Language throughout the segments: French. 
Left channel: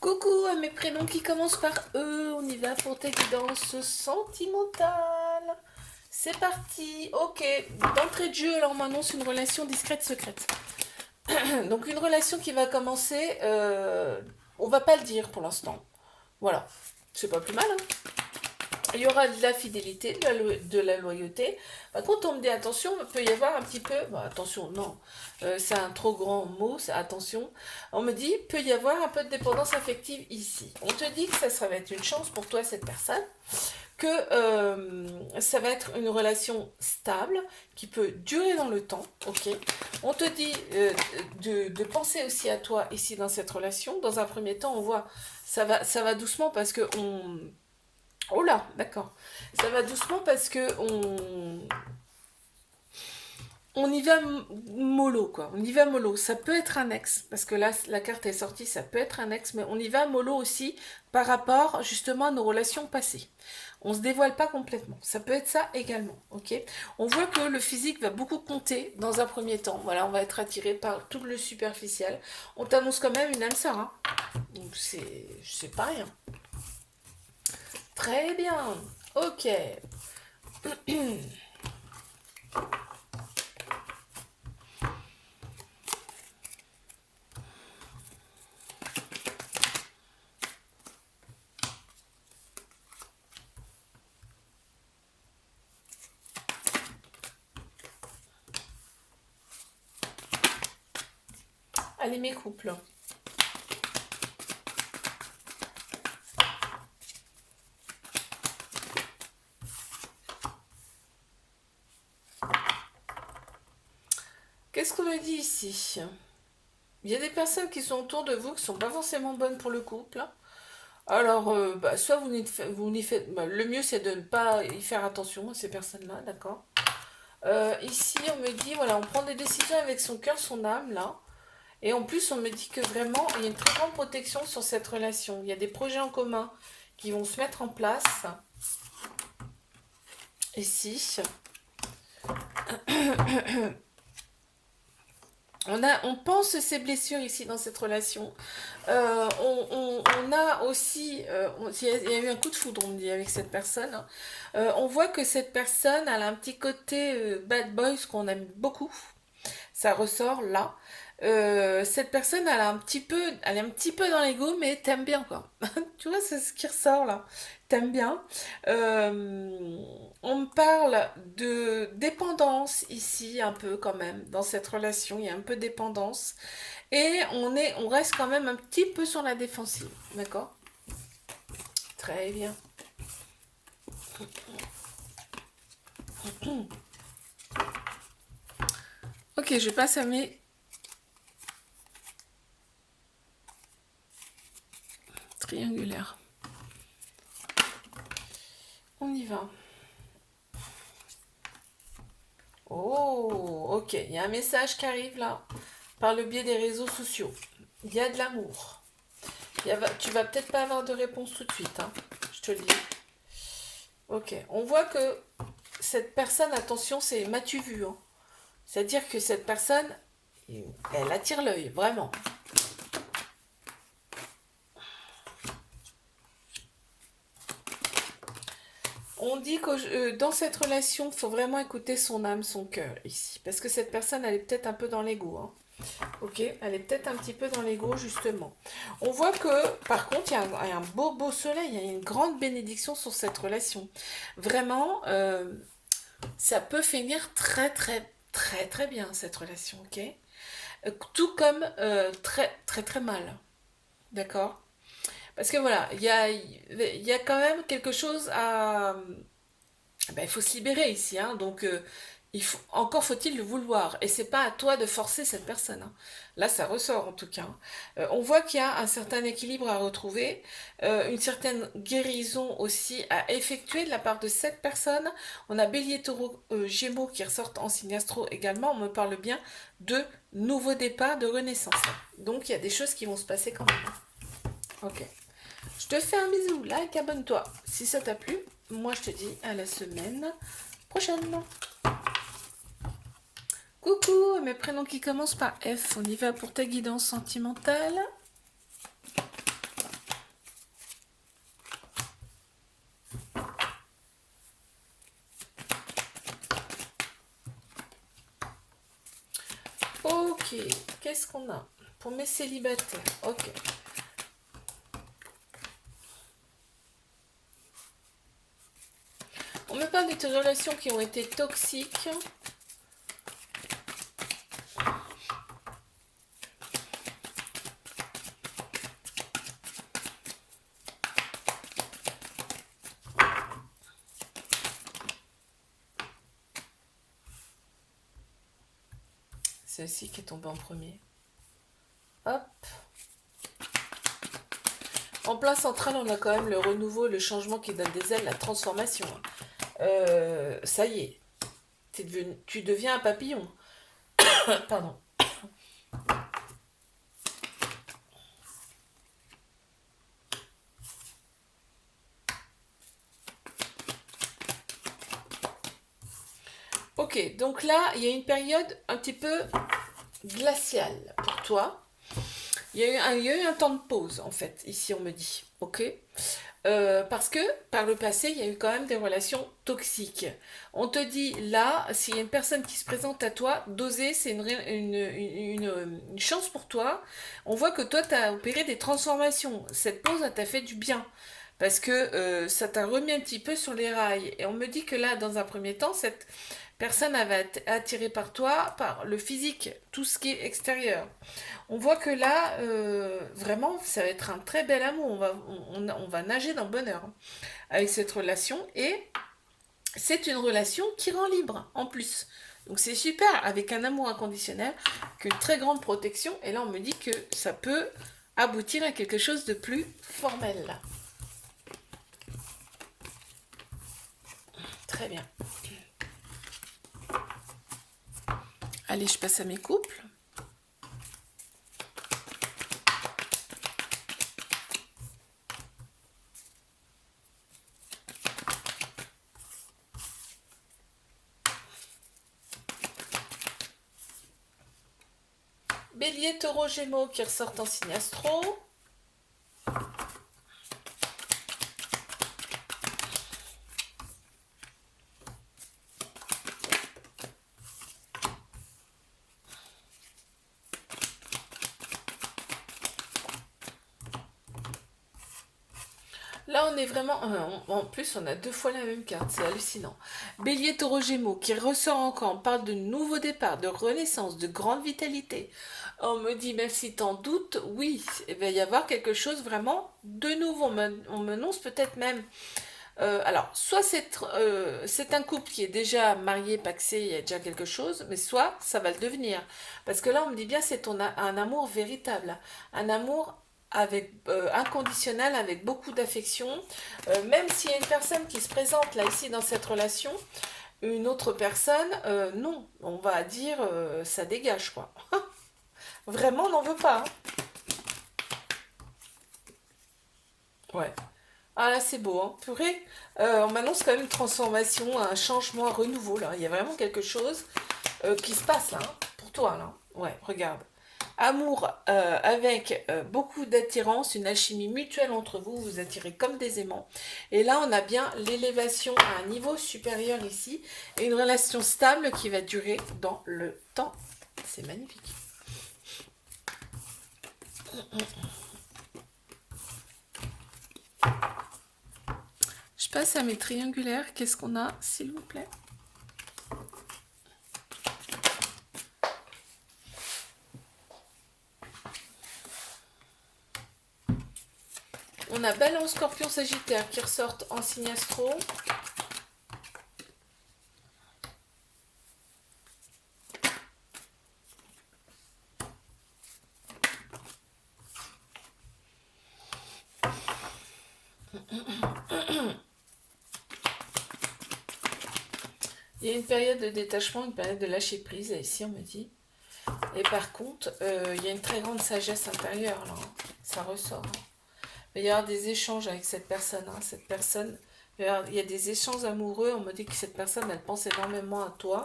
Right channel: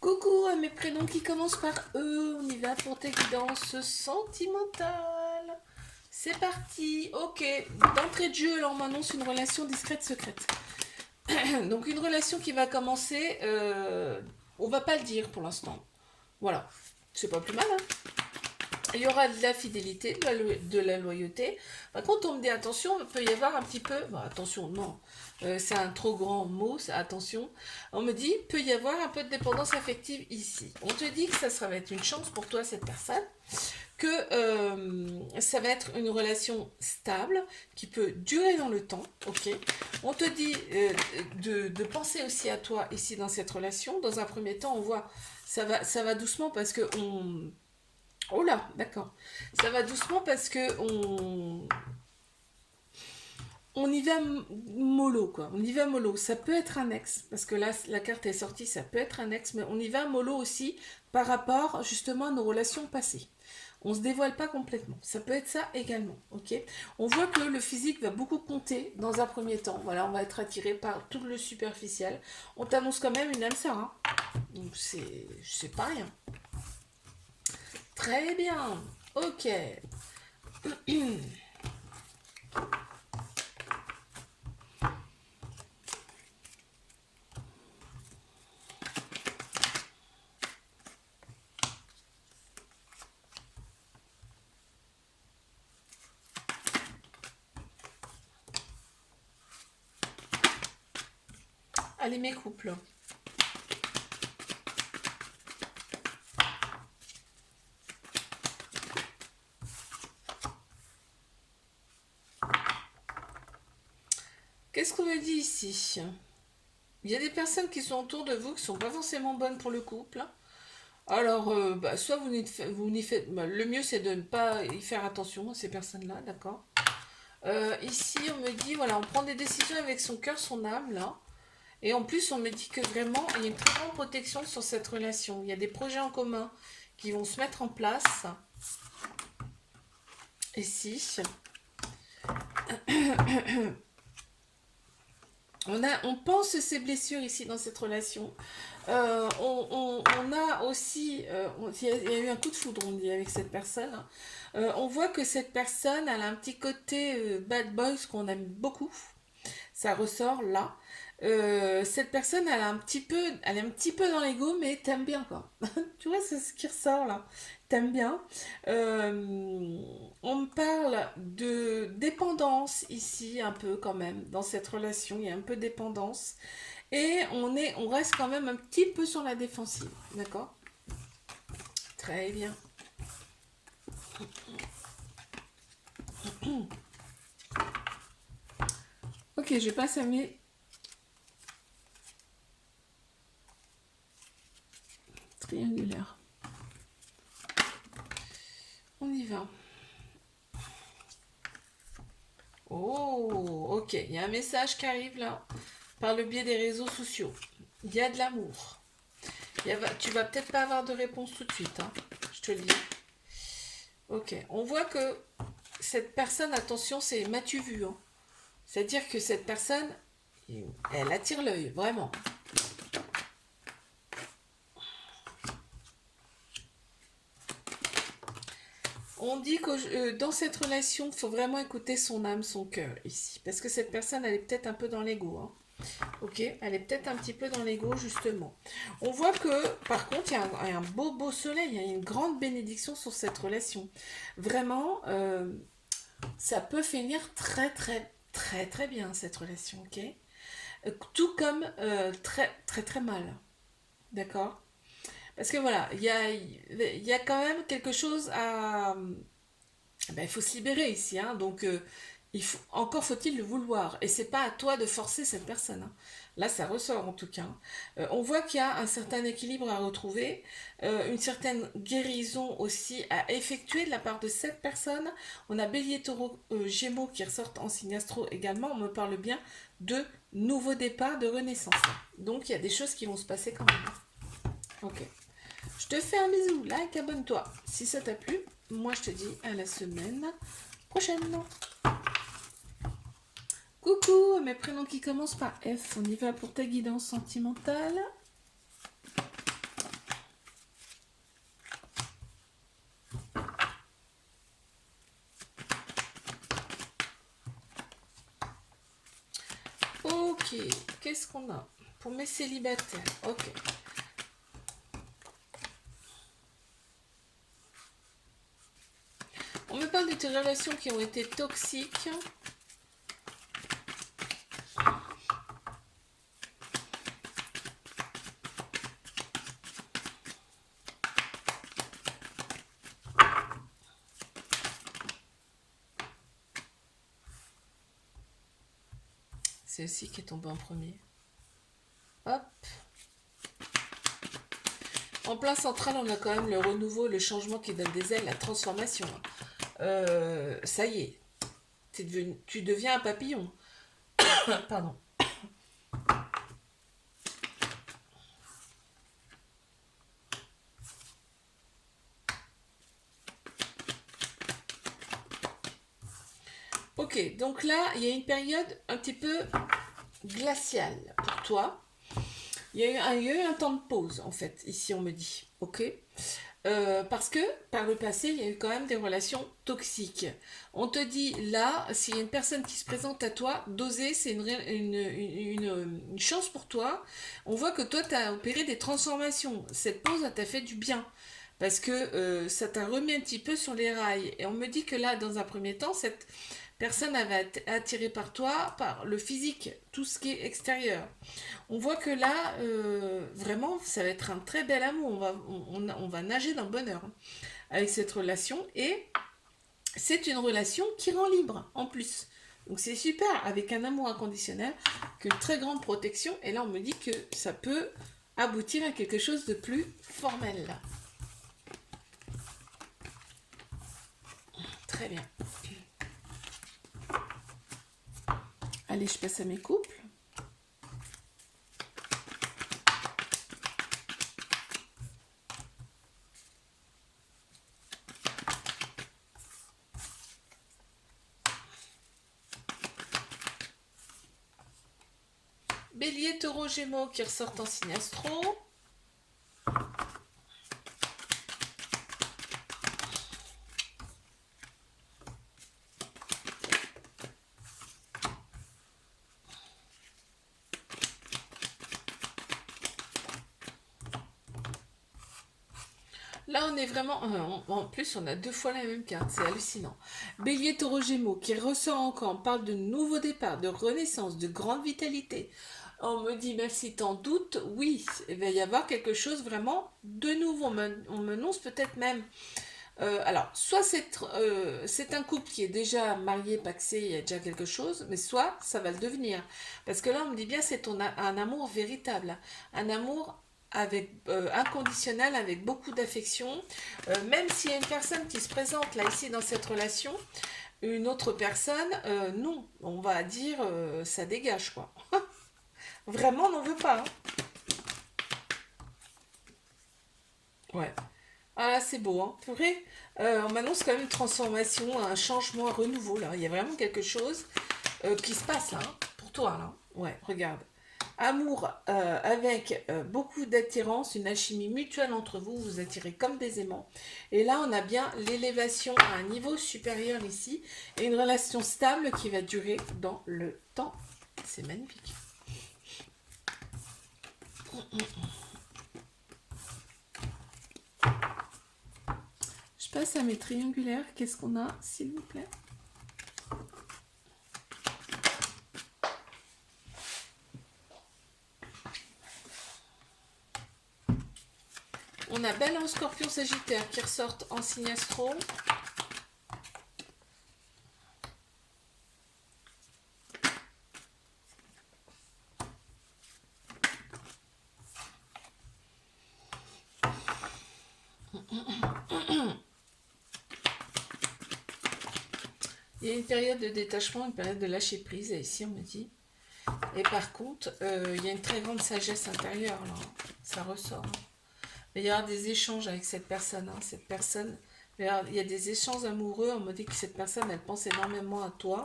Coucou à mes prénoms qui commencent par E, on y va pour tes guidances sentimentales. C'est parti, ok. D'entrée de jeu, alors on m'annonce une relation discrète secrète. Donc une relation qui va commencer, on va pas le dire pour l'instant. Voilà, c'est pas plus mal, hein. Il y aura de la fidélité, de la loyauté. Par contre, on me dit attention, il peut y avoir un petit peu. Bon, attention, non, c'est un trop grand mot, c'est attention. On me dit peut y avoir un peu de dépendance affective ici. On te dit que ça va être une chance pour toi, cette personne, que ça va être une relation stable qui peut durer dans le temps. Ok. On te dit de penser aussi à toi ici dans cette relation. Dans un premier temps, on voit ça va doucement parce que on oh là, d'accord. Ça va doucement parce que on y va mollo, quoi. On y va mollo. Ça peut être un ex, parce que là, la carte est sortie, ça peut être un ex, mais on y va mollo aussi par rapport justement à nos relations passées. On se dévoile pas complètement. Ça peut être ça également, ok. On voit que le physique va beaucoup compter dans un premier temps. Voilà, on va être attiré par tout le superficiel. On t'annonce quand même une âme sœur, hein. Donc c'est pas rien. Très bien. Ok. Allez, mes couples. Qu'est-ce qu'on me dit ici? Il y a des personnes qui sont autour de vous qui sont pas forcément bonnes pour le couple. Alors, soit vous n'y faites. Bah, le mieux, c'est de ne pas y faire attention à ces personnes-là, d'accord. Ici, on me dit, voilà, on prend des décisions avec son cœur, son âme, là. Et en plus, on me dit que vraiment, il y a une très grande protection sur cette relation. Il y a des projets en commun qui vont se mettre en place. Ici. On pense ces blessures ici dans cette relation. On a aussi, il y a eu un coup de foudre, on dit, avec cette personne, hein. On voit que cette personne, elle a un petit côté bad boy, ce qu'on aime beaucoup. Ça ressort là. Cette personne, elle est un petit peu dans l'ego, mais t'aimes bien, quoi. Tu vois, c'est ce qui ressort là. T'aimes bien. On me parle de dépendance ici, un peu quand même, dans cette relation. Il y a un peu de dépendance. Et on reste quand même un petit peu sur la défensive. D'accord. Très bien. Ok, je passe à mes triangulaires. On y va. Oh, ok. Il y a un message qui arrive là, par le biais des réseaux sociaux. Il y a de l'amour. Tu vas peut-être pas avoir de réponse tout de suite, hein. Je te le dis. Ok. On voit que cette personne, attention, c'est m'as-tu vu, hein. C'est-à-dire que cette personne, elle attire l'œil, vraiment. On dit que dans cette relation, il faut vraiment écouter son âme, son cœur ici. Parce que cette personne, elle est peut-être un peu dans l'ego, hein. Ok, elle est peut-être un petit peu dans l'ego justement. On voit que par contre il y a un beau beau soleil, il y a une grande bénédiction sur cette relation. Vraiment, ça peut finir très très très très bien cette relation, ok. Tout comme très très très mal, d'accord. Parce que voilà, il y a quand même quelque chose à, ben, il faut se libérer ici, hein, donc encore faut-il le vouloir. Et c'est pas à toi de forcer cette personne, hein. Là, ça ressort en tout cas. On voit qu'il y a un certain équilibre à retrouver, une certaine guérison aussi à effectuer de la part de cette personne. On a Bélier, Taureau, Gémeaux qui ressortent en signe astro également. On me parle bien de nouveau départ, de renaissance. Donc il y a des choses qui vont se passer quand même. Ok. Je te fais un bisou, like, abonne-toi. Si ça t'a plu, moi je te dis à la semaine prochaine. Coucou, mes prénoms qui commencent par F. On y va pour ta guidance sentimentale. Ok, qu'est-ce qu'on a pour mes célibataires? Ok. On me parle de tes relations qui ont été toxiques. C'est aussi qui est tombé en premier. Hop. En plein central, on a quand même le renouveau, le changement qui donne des ailes, la transformation. Ça y est, tu deviens un papillon. Pardon. Ok, donc là, il y a une période un petit peu glaciale pour toi. Il y a eu un temps de pause, en fait, ici on me dit. Ok. Parce que par le passé, il y a eu quand même des relations toxiques. On te dit là, s'il y a une personne qui se présente à toi, d'oser, c'est une chance pour toi. On voit que toi, tu as opéré des transformations. Cette pause, elle t'a fait du bien. Parce que ça t'a remis un petit peu sur les rails. Et on me dit que là, dans un premier temps, cette personne avait été attirée par toi, par le physique, tout ce qui est extérieur. On voit que là, vraiment, ça va être un très bel amour. On va nager dans le bonheur hein, avec cette relation. Et c'est une relation qui rend libre, en plus. Donc c'est super, avec un amour inconditionnel, qu'une très grande protection. Et là, on me dit que ça peut aboutir à quelque chose de plus formel. Là. Très bien. Allez, je passe à mes couples. Bélier, taureau, gémeaux qui ressortent en signe astro. Là, on est vraiment... En plus, on a deux fois la même carte. C'est hallucinant. Bélier, taureau, gémeaux qui ressort encore. On parle de nouveau départ, de renaissance, de grande vitalité. On me dit, même si t'en doutes, oui, il va y avoir quelque chose vraiment de nouveau. On m'annonce peut-être même... alors, soit c'est un couple qui est déjà marié, pacsé, il y a déjà quelque chose, mais soit ça va le devenir. Parce que là, on me dit bien, un amour véritable. Un amour avec inconditionnel, avec beaucoup d'affection. Même s'il y a une personne qui se présente là, ici, dans cette relation, une autre personne, non. On va dire, ça dégage, quoi. Vraiment, on n'en veut pas. Hein. Ouais. Ah là, c'est beau, hein. Purée. On m'annonce quand même une transformation, un changement, un renouveau, là. Il y a vraiment quelque chose qui se passe, là, hein, pour toi, là. Ouais, regarde. Amour avec beaucoup d'attirance, une alchimie mutuelle entre vous, vous attirez comme des aimants. Et là, on a bien l'élévation à un niveau supérieur ici, et une relation stable qui va durer dans le temps. C'est magnifique. Je passe à mes triangulaires. Qu'est-ce qu'on a, s'il vous plaît? On a Balance, Scorpion, Sagittaire qui ressortent en signe astro. Il y a une période de détachement, une période de lâcher prise, là, ici on me dit. Et par contre, il y a une très grande sagesse intérieure, là. Ça ressort. Il va y avoir des échanges avec cette personne. Hein. Cette personne, il y a des échanges amoureux. On me dit que cette personne, elle pense énormément à toi.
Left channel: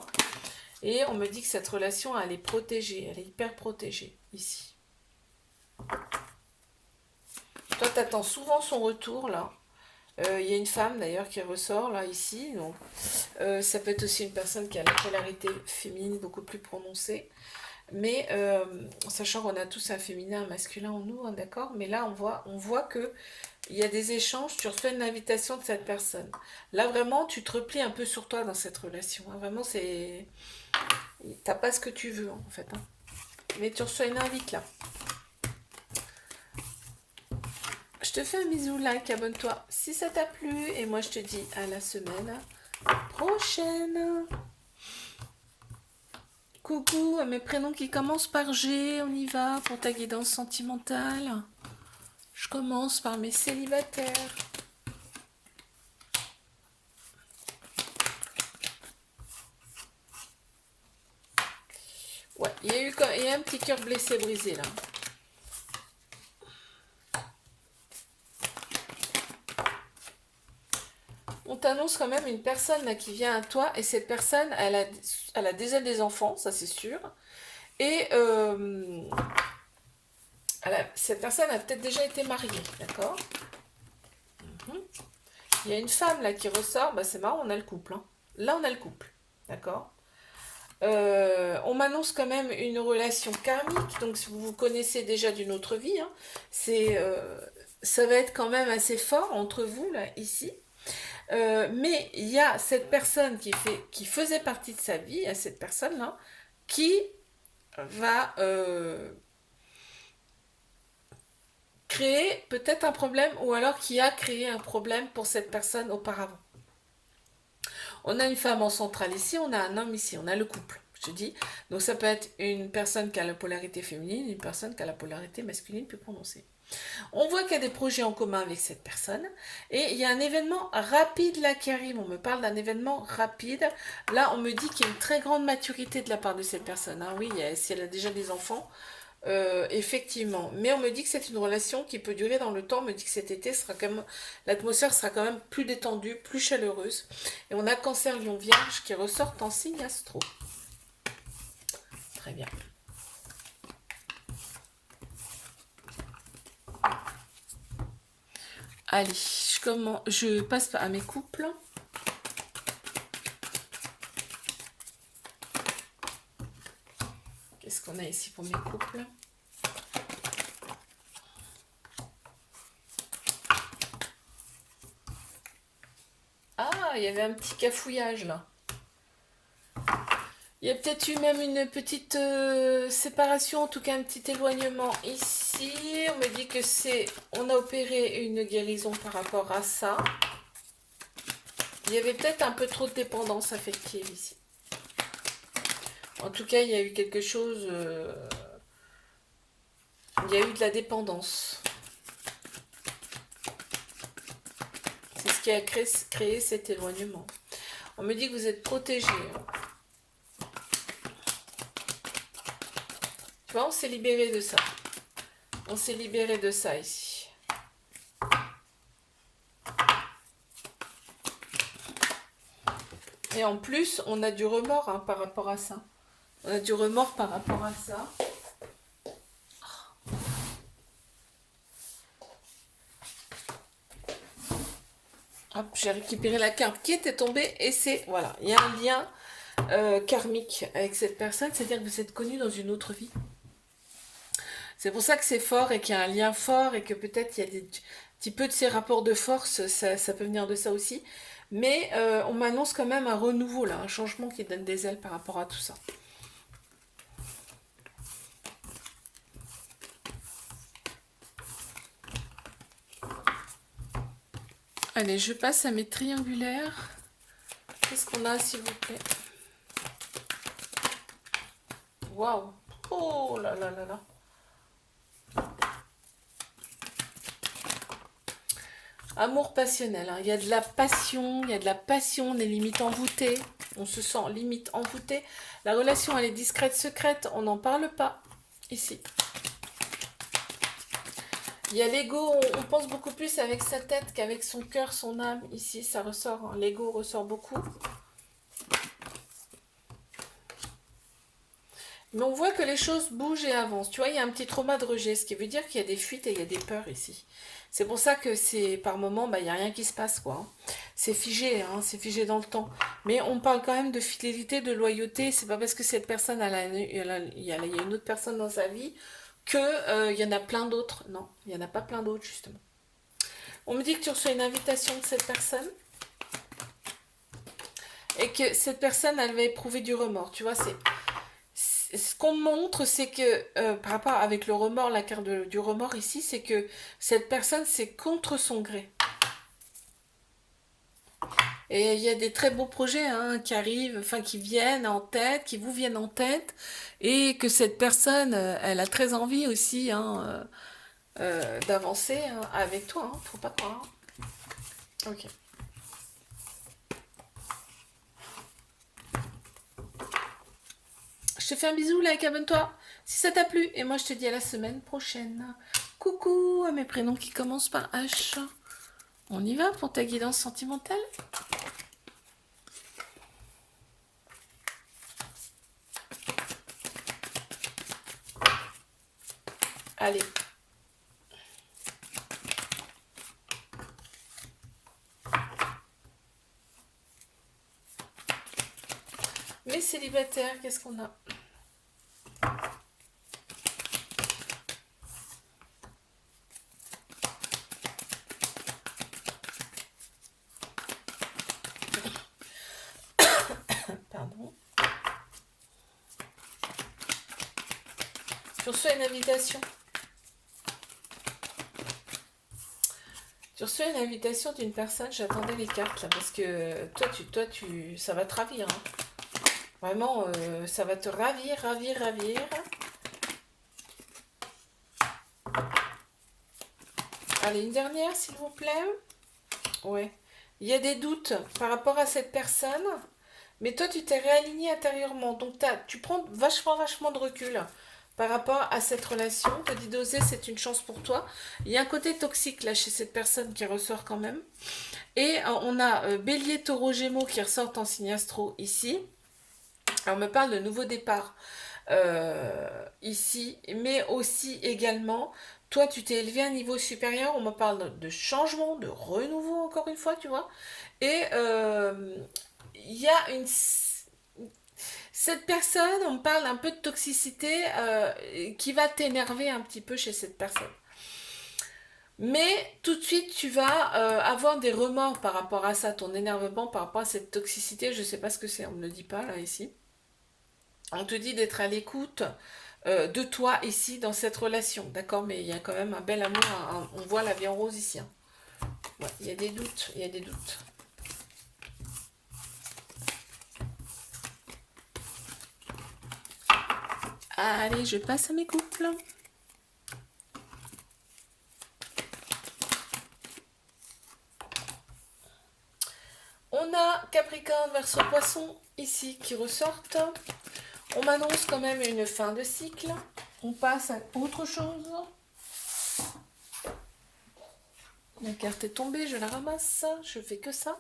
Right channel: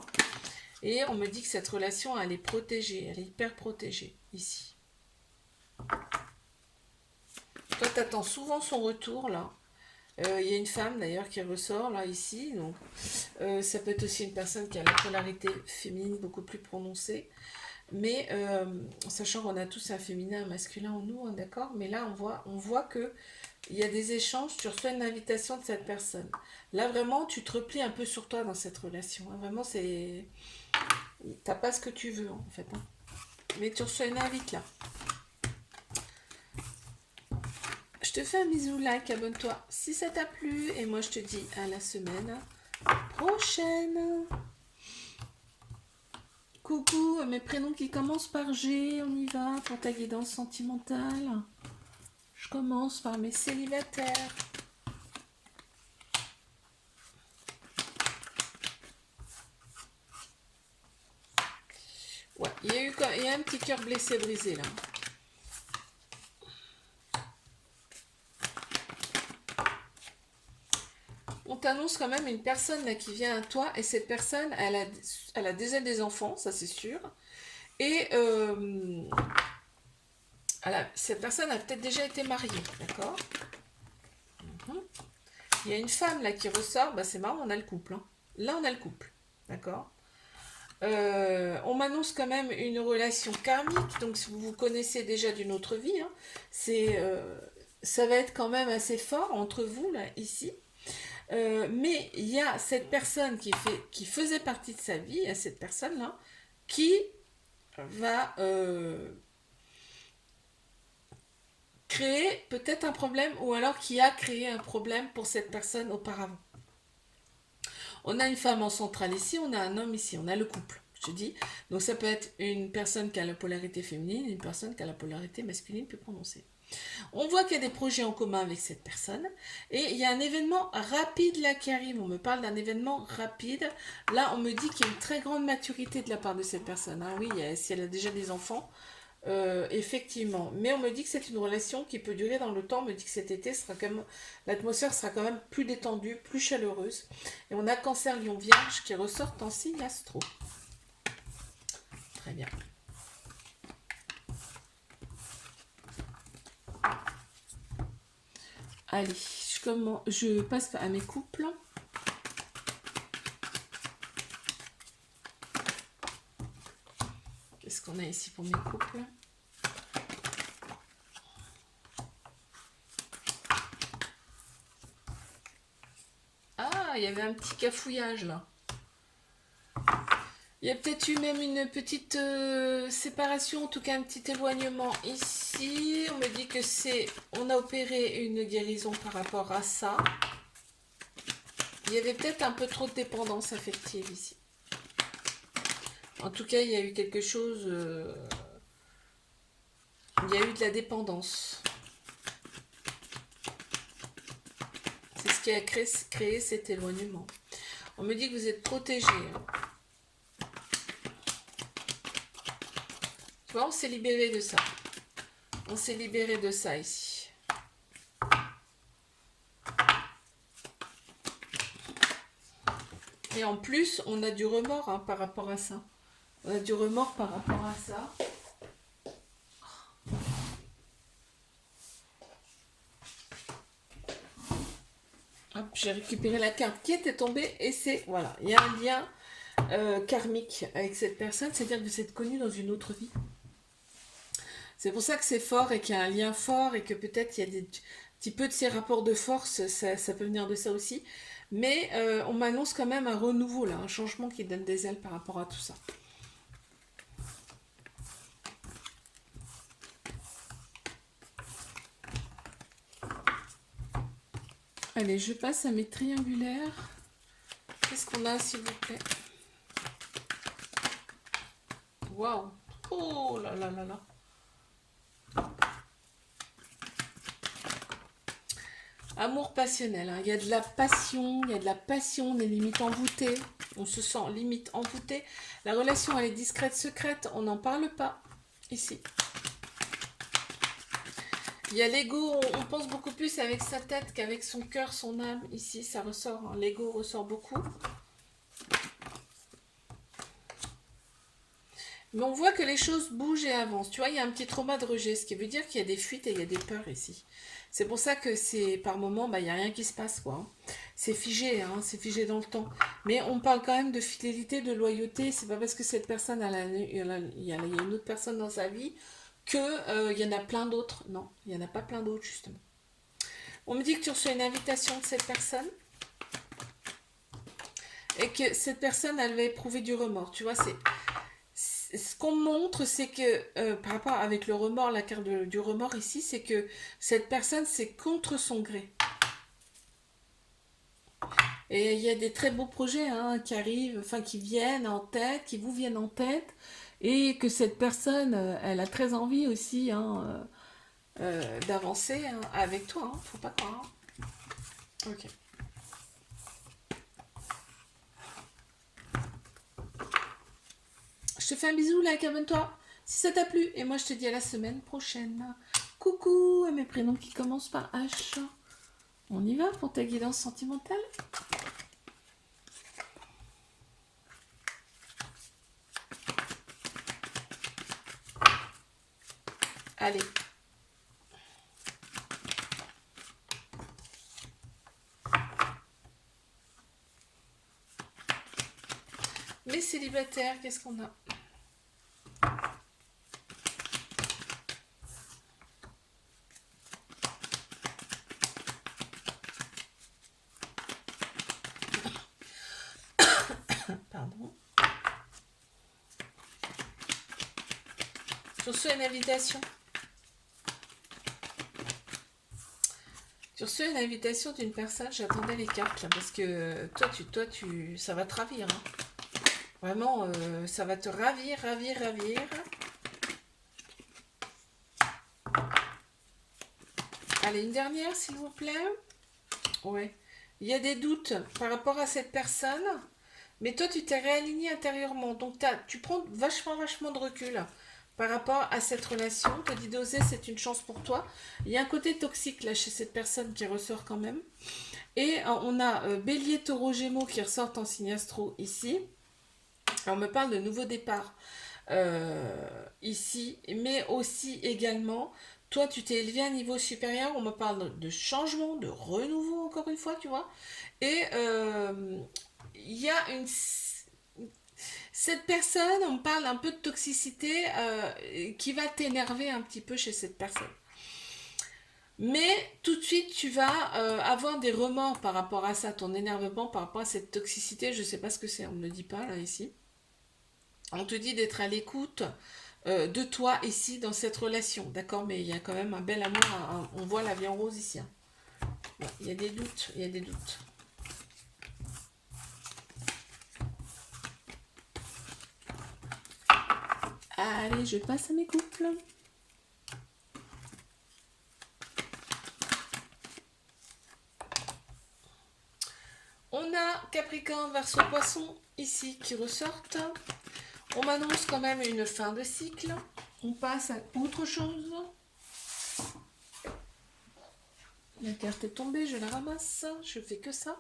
Et on me dit que cette relation, elle est protégée. Elle est hyper protégée, ici. Toi, tu attends souvent son retour, là. Il y a une femme, d'ailleurs, qui ressort, là, ici. Donc, ça peut être aussi une personne qui a la polarité féminine beaucoup plus prononcée. Mais sachant qu'on a tous un féminin, un masculin en nous, hein, d'accord? Mais là, on voit que il y a des échanges, tu reçois une invitation de cette personne. Là, vraiment, tu te replies un peu sur toi dans cette relation, hein. Vraiment, c'est... T'as pas ce que tu veux, en fait, hein. Mais tu reçois une invite, là. Je te fais un bisou, like, abonne-toi si ça t'a plu. Et moi, je te dis à la semaine prochaine. Coucou à mes prénoms qui commencent par G. On y va pour ta guidance sentimentale. Je commence par mes célibataires. Ouais, il y a un petit cœur blessé, brisé, là. On t'annonce quand même une personne là qui vient à toi et cette personne, elle a déjà des enfants, ça c'est sûr. Et cette personne a peut-être déjà été mariée, d'accord? Mhm. Il y a une femme là qui ressort, bah c'est marrant, on a le couple, hein. Là on a le couple, d'accord? On m'annonce quand même une relation karmique, donc si vous vous connaissez déjà d'une autre vie, hein, ça va être quand même assez fort entre vous là, ici. Mais il y a cette personne qui faisait partie de sa vie, à cette personne-là, qui va créer peut-être un problème ou alors qui a créé un problème pour cette personne auparavant. On a une femme en centrale ici, on a un homme ici, on a le couple, je te dis. Donc ça peut être une personne qui a la polarité féminine, une personne qui a la polarité masculine plus prononcée. On voit qu'il y a des projets en commun avec cette personne et il y a un événement rapide là qui arrive. On me parle d'un événement rapide. Là, on me dit qu'il y a une très grande maturité de la part de cette personne. Ah oui, si elle a déjà des enfants, effectivement. Mais on me dit que c'est une relation qui peut durer dans le temps. On me dit que cet été, l'atmosphère sera quand même plus détendue, plus chaleureuse. Et on a Cancer, Lion, Vierge qui ressortent en signe astro. Très bien. Allez, je passe à mes couples. Qu'est-ce qu'on a ici pour mes couples? Ah, il y avait un petit cafouillage là. Il y a peut-être eu même une petite séparation, en tout cas un petit éloignement ici. On me dit que on a opéré une guérison par rapport à ça. Il y avait peut-être un peu trop de dépendance affective ici. En tout cas, il y a eu quelque chose... il y a eu de la dépendance. C'est ce qui a créé cet éloignement. On me dit que vous êtes protégé. Tu vois, on s'est libéré de ça. On s'est libéré de ça ici. Et en plus, on a du remords hein, par rapport à ça. On a du remords par rapport à ça. Hop, j'ai récupéré la carte qui était tombée et c'est, voilà, il y a un lien karmique avec cette personne, c'est-à-dire que vous êtes connu dans une autre vie. C'est pour ça que c'est fort et qu'il y a un lien fort et que peut-être il y a des petits peu de ces rapports de force, ça peut venir de ça aussi. Mais on m'annonce quand même un renouveau là, un changement qui donne des ailes par rapport à tout ça. Allez, je passe à mes triangulaires. Qu'est-ce qu'on a, s'il vous plaît? Waouh! Oh là là là là! Amour passionnel, hein. Il y a de la passion, on est limite envoûté, on se sent limite envoûté. La relation, elle est discrète, secrète, on n'en parle pas ici. Il y a l'ego, on pense beaucoup plus avec sa tête qu'avec son cœur, son âme. Ici, ça ressort, hein. L'ego ressort beaucoup. Mais on voit que les choses bougent et avancent. Tu vois, il y a un petit trauma de rejet, ce qui veut dire qu'il y a des fuites et il y a des peurs ici. C'est pour ça que c'est par moment, bah, il n'y a rien qui se passe, quoi. C'est figé dans le temps. Mais on parle quand même de fidélité, de loyauté. C'est pas parce que cette personne, il y a une autre personne dans sa vie que il y en a plein d'autres. Non, il n'y en a pas plein d'autres, justement. On me dit que tu reçois une invitation de cette personne et que cette personne, elle va éprouver du remords. Tu vois, ce qu'on montre, c'est que par rapport avec le remords, la carte du remords ici, c'est que cette personne, c'est contre son gré. Et il y a des très beaux projets hein, qui arrivent, enfin qui viennent en tête, qui vous viennent en tête, et que cette personne, elle a très envie aussi hein, d'avancer hein, avec toi. Hein, faut pas croire. Ok. Je te fais un bisou, like, abonne-toi si ça t'a plu. Et moi, je te dis à la semaine prochaine. Coucou à mes prénoms qui commencent par H. On y va pour ta guidance sentimentale? Allez. Les célibataires, qu'est-ce qu'on a? Pardon. Je reçois une invitation. Je reçois une invitation d'une personne, j'attendais les cartes là, parce que ça va te ravir. Hein. Vraiment, ça va te ravir, ravir, ravir. Allez, une dernière, s'il vous plaît. Ouais. Il y a des doutes par rapport à cette personne, mais toi, tu t'es réaligné intérieurement. Donc, tu prends vachement, vachement de recul par rapport à cette relation. Tu te dis d'oser, c'est une chance pour toi. Il y a un côté toxique là chez cette personne qui ressort quand même. Et on a Bélier, Taureau, Gémeaux qui ressortent en signe astro ici. Alors, on me parle de nouveau départ ici, mais aussi également, toi, tu t'es élevé à un niveau supérieur. On me parle de changement, de renouveau, encore une fois, tu vois. Et il y a une. Cette personne, on me parle un peu de toxicité qui va t'énerver un petit peu chez cette personne. Mais tout de suite, tu vas avoir des remords par rapport à ça, ton énervement par rapport à cette toxicité. Je ne sais pas ce que c'est, on ne me le dit pas là ici. On te dit d'être à l'écoute de toi ici dans cette relation, d'accord? Mais il y a quand même un bel amour, on voit la vie en rose ici. Hein. Ouais, il y a des doutes, il y a des doutes. Allez, je passe à mes couples. On a Capricorne, Verseau, Poisson ici qui ressortent. On m'annonce quand même une fin de cycle. On passe à autre chose. La carte est tombée, je la ramasse. Je fais que ça.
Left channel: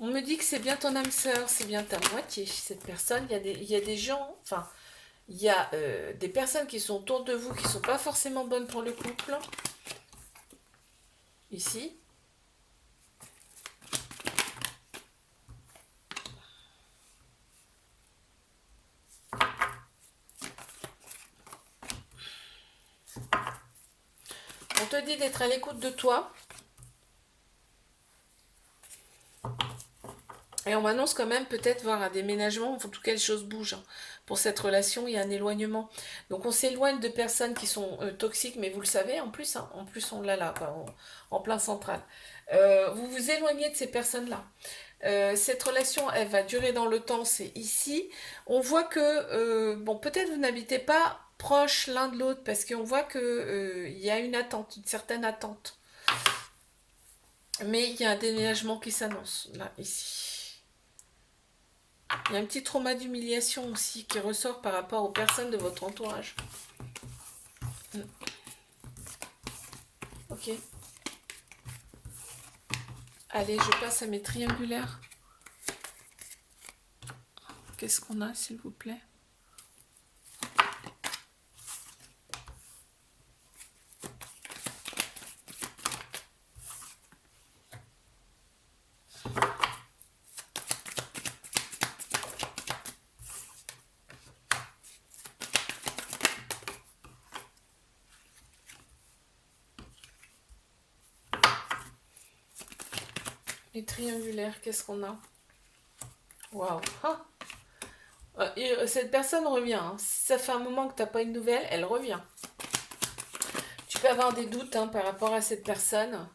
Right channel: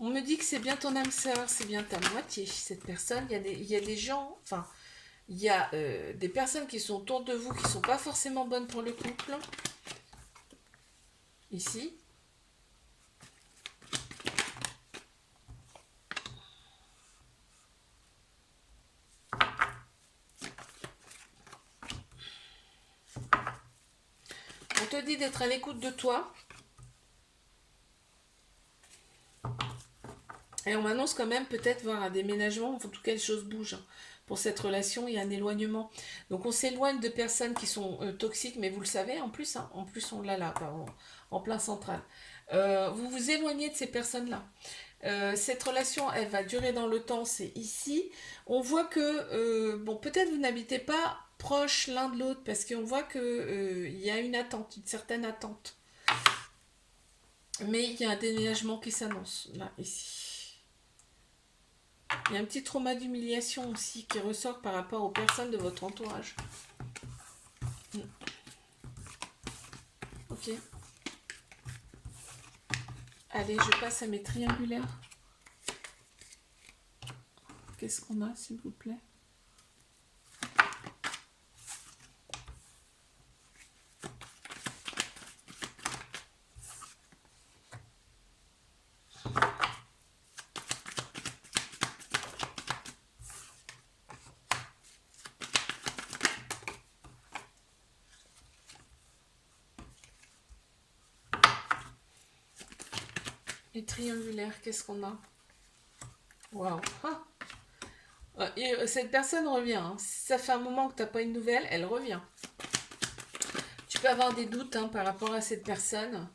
On me dit que c'est bien ton âme sœur, c'est bien ta moitié. Cette personne, il y a des gens, enfin, il y a des personnes qui sont autour de vous qui ne sont pas forcément bonnes pour le couple. Ici. On te dit d'être à l'écoute de toi. Et on m'annonce quand même peut-être voir un déménagement, en tout cas les choses bougent. Pour cette relation, il y a un éloignement. Donc on s'éloigne de personnes qui sont toxiques, mais vous le savez en plus, hein, en plus on l'a là, quoi, en plein central. Vous vous éloignez de ces personnes-là. Cette relation, elle va durer dans le temps, c'est ici. On voit que, bon, peut-être vous n'habitez pas proche l'un de l'autre, parce qu'on voit que il y a une attente, une certaine attente. Mais il y a un déménagement qui s'annonce, là, ici. Il y a un petit trauma d'humiliation aussi qui ressort par rapport aux personnes de votre entourage. Ok. Allez, je passe à mes triangulaires. Qu'est-ce qu'on a, s'il vous plaît? Et triangulaire, qu'est-ce qu'on a? Waouh. Ah. Cette personne revient. Hein. Si ça fait un moment que tu n'as pas une nouvelle, elle revient. Tu peux avoir des doutes hein, par rapport à cette personne.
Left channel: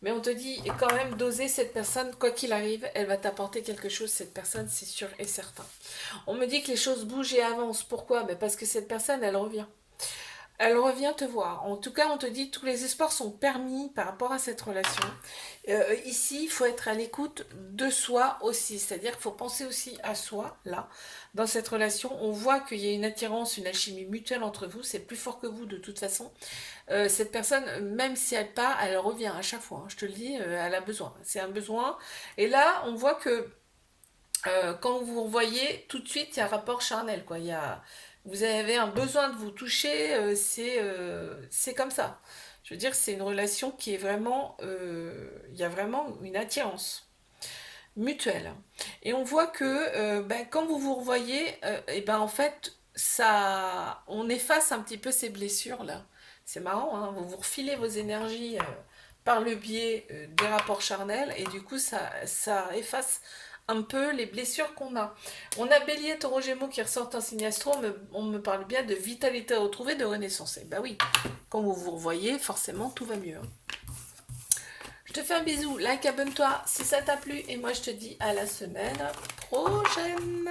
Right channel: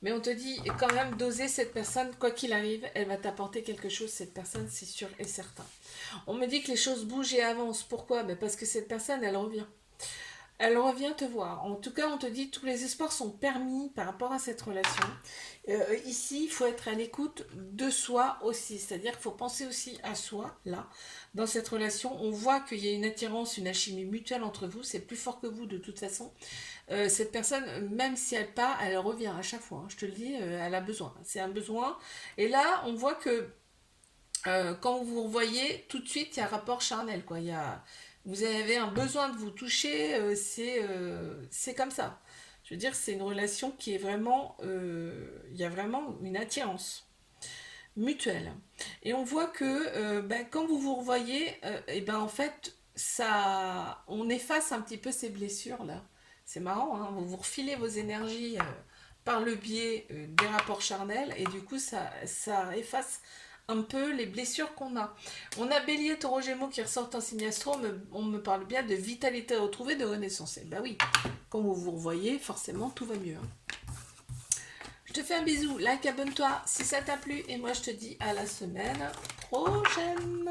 Mais on te dit quand même d'oser cette personne, quoi qu'il arrive, elle va t'apporter quelque chose, cette personne, c'est sûr et certain. On me dit que les choses bougent et avancent. Pourquoi? Parce que cette personne, elle revient. Elle revient te voir. En tout cas, on te dit que tous les espoirs sont permis par rapport à cette relation. Ici, il faut être à l'écoute de soi aussi. C'est-à-dire qu'il faut penser aussi à soi, là. Dans cette relation, on voit qu'il y a une attirance, une alchimie mutuelle entre vous. C'est plus fort que vous de toute façon. Cette personne, même si elle part, elle revient à chaque fois. Hein. Je te le dis, elle a besoin. C'est un besoin. Et là, on voit que quand vous vous voyez, tout de suite, il y a un rapport charnel. Quoi. Vous avez un besoin de vous toucher, c'est comme ça. Je veux dire, c'est une relation qui est vraiment... Il y a vraiment une attirance mutuelle. Et on voit que quand vous vous revoyez, et ben en fait, ça, on efface un petit peu ces blessures là. C'est marrant, hein, vous vous refilez vos énergies par le biais des rapports charnels et du coup ça efface un peu les blessures qu'on a. On a Bélier, Taureau, Gémeaux qui ressortent en signe astro, on me parle bien de vitalité retrouvée, de renaissance. Et bah oui, quand vous vous revoyez, forcément tout va mieux. Hein. Je te fais un bisou, like, abonne-toi si ça t'a plu et moi je te dis à la semaine prochaine.